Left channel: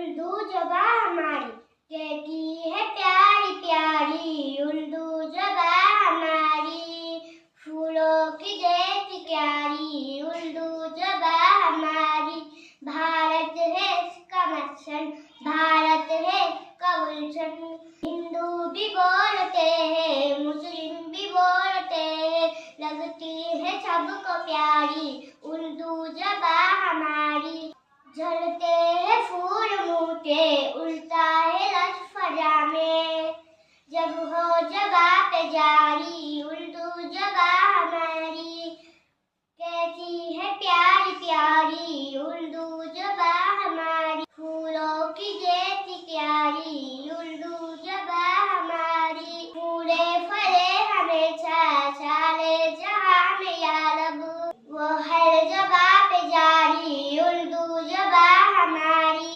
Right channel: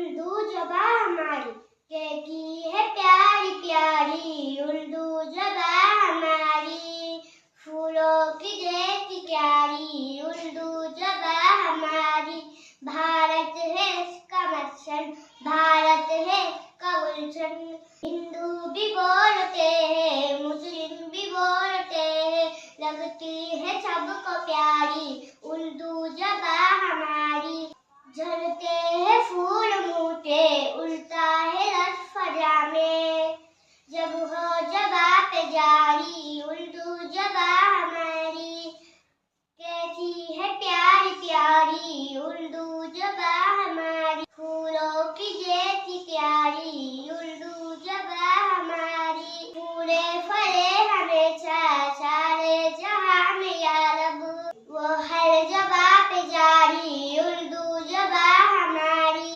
उर्दू ज़बान हमारी कहती है प्यारी प्यारी, उर्दू ज़बान हमारी फूलों की जैसी प्यारी, उर्दू ज़बान हमारी। भारत है इसका मस्सन, भारत है इसका गुलशन, हिंदू भी बोलते हैं मुस्लिम भी बोलते हैं, लगती है सबको प्यारी उर्दू ज़बान हमारी। झलते